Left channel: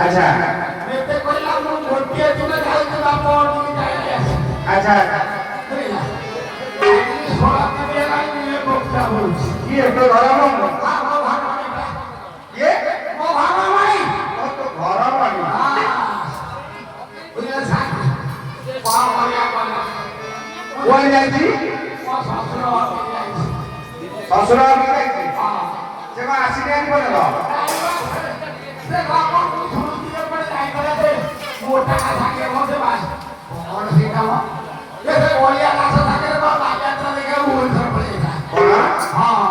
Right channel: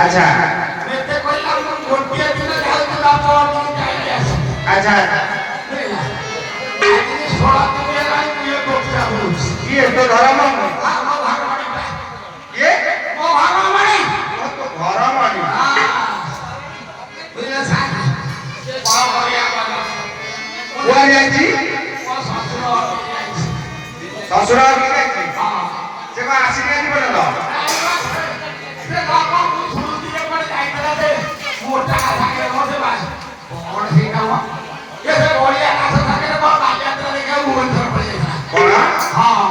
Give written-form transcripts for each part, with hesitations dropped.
अच्छा अच्छा ये तो घर में ये वो घर में वो तो घर में बुझले साथ से बाहर बढ़िया करना वो जाई वो ससुर की जाई हां जे का आसी नहीं बनलो से बापा को सुन दिए पर काय करे दे मोटा का थाके मते बास और से काम ये से बढ़िया नाच थाके रे बाप यात्रा लेके मोन कर पड़ेगा कोन हां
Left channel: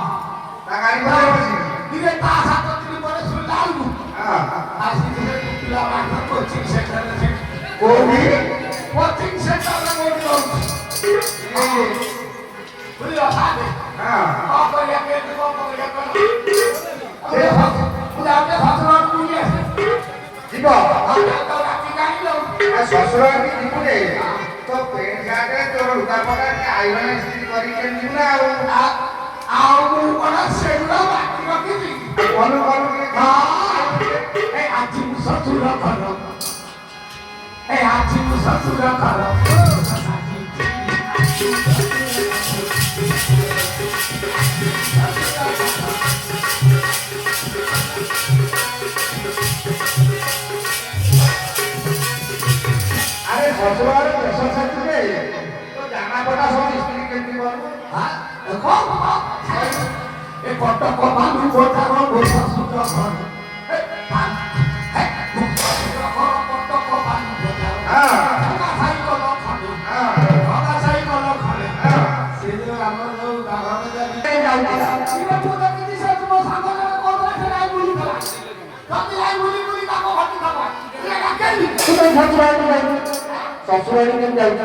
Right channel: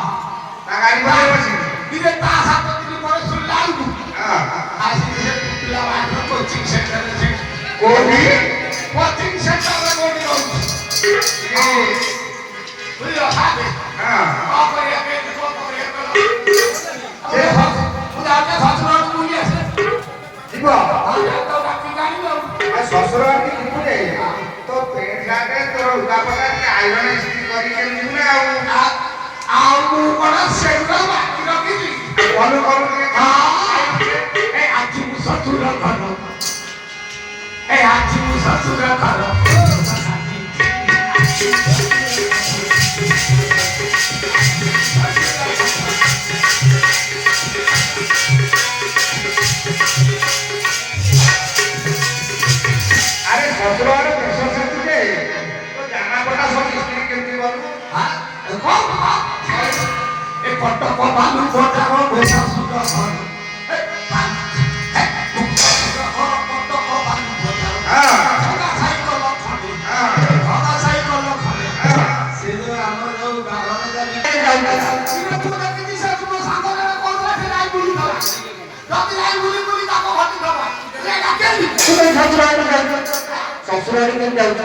ता गाड़ी बजे बसी दिने ता सात दिन पर सुन लाऊ हां आज से पिला रात कोचिंग सेंटर से कोनी कोचिंग सेंटर लगोनी हो ये बुझियो साथे हां को करिया के ए खुदा के ससुर को ये जीवा हां जाओ राती गाड़ी लो ससुर की जीव जाई तो पेट गाटे तो उका पका के आइरन स्त्री करी के जीवना आओ बड़ा सेंटर बाकी रखी कोन कोन के हां ए आजू ससुर करो ए आजू ससुर करो अरे ससुर वाले देश से तुझे तो जाना पड़ा सब स्त्री केमती करू हां देखो ए पट्टा को बालू बोटा रो बोटा सुता घर ए ससुर घर पट्टा को बालू बोटा हां खगा साइकल लो खड़े हां खगा साइकल लो खड़े हां से जो हमरो गावन जाई सिरे पूजा के दिशा तुम सांगले को रे लाई बुली दला जति लाई बुली बुली ताको भटी दला रे गाकेली ससुराड़ी के जाउछ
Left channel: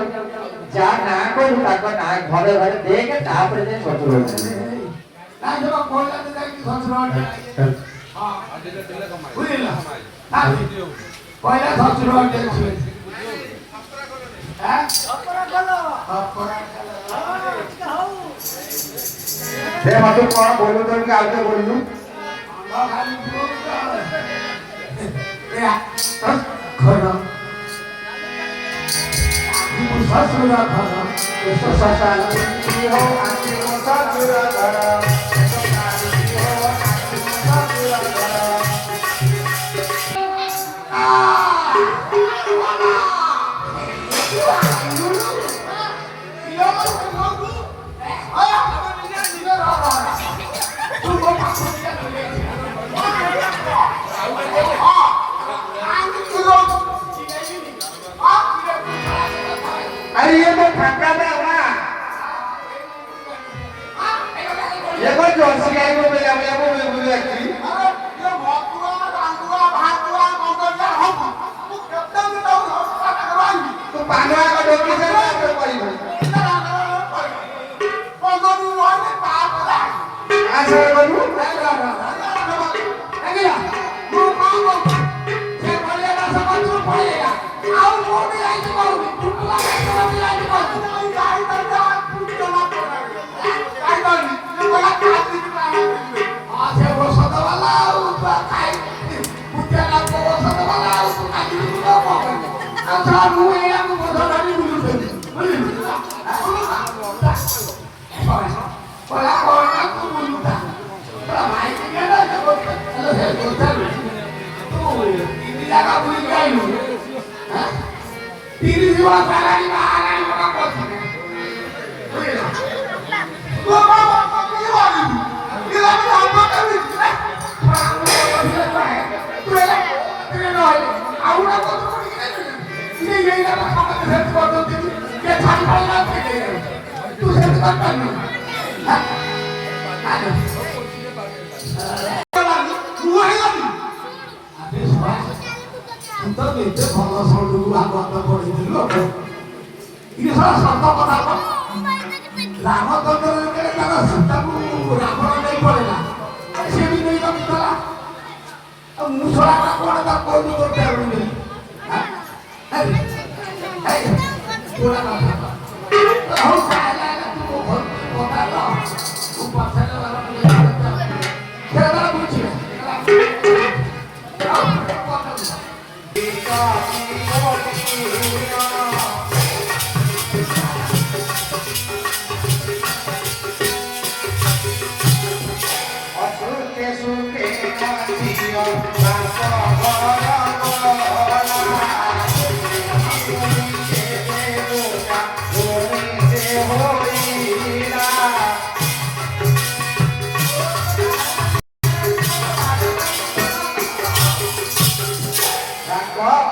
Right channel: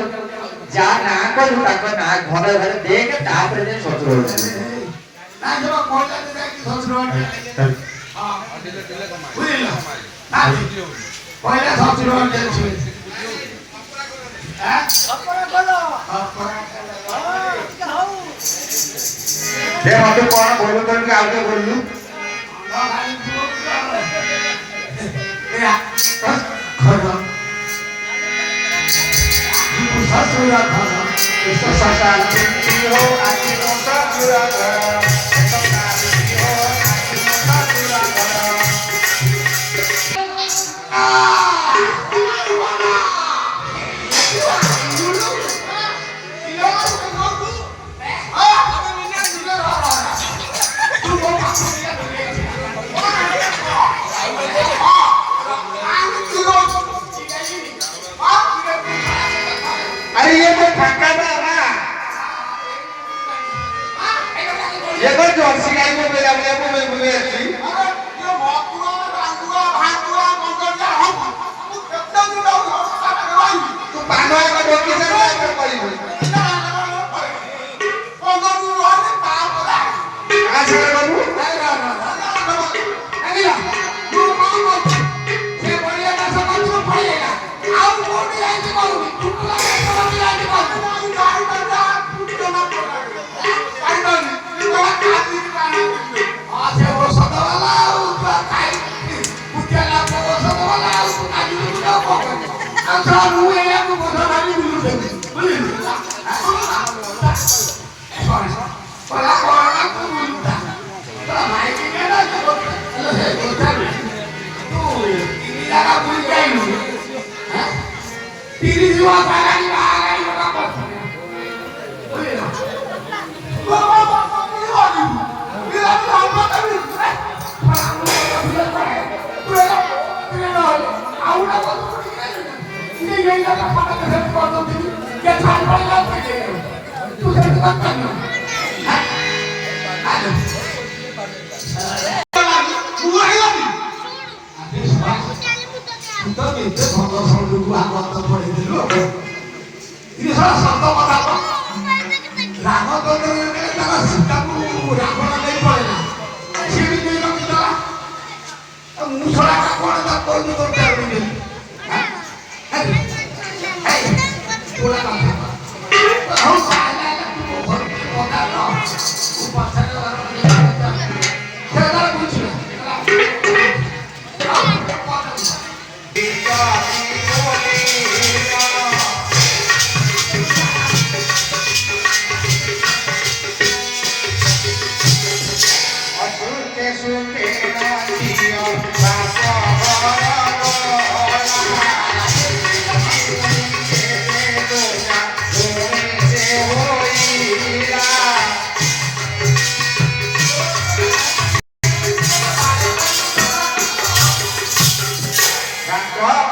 जा ना कोइ ताको ना घरे घरे देख तापर जे ससुर ना जब कोला दे जाई ससुर हां बुझिला पहिले ससुर दे छु हैं अपरा कलो दे मते कोन बोलो तो के आगे बोललू खरा ससुर खरा ससुर की हो आकी हो ससुर घर अरे ये तो फाका था ना ये तो जर्सी गाय को मेरा वो मैं बोले अच्छी तो पांडवा का डोकी से क्या कर पड़ी हुई आज ये करूँ सुखे सुखे नाचियो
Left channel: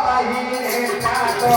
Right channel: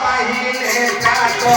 पहिले जातो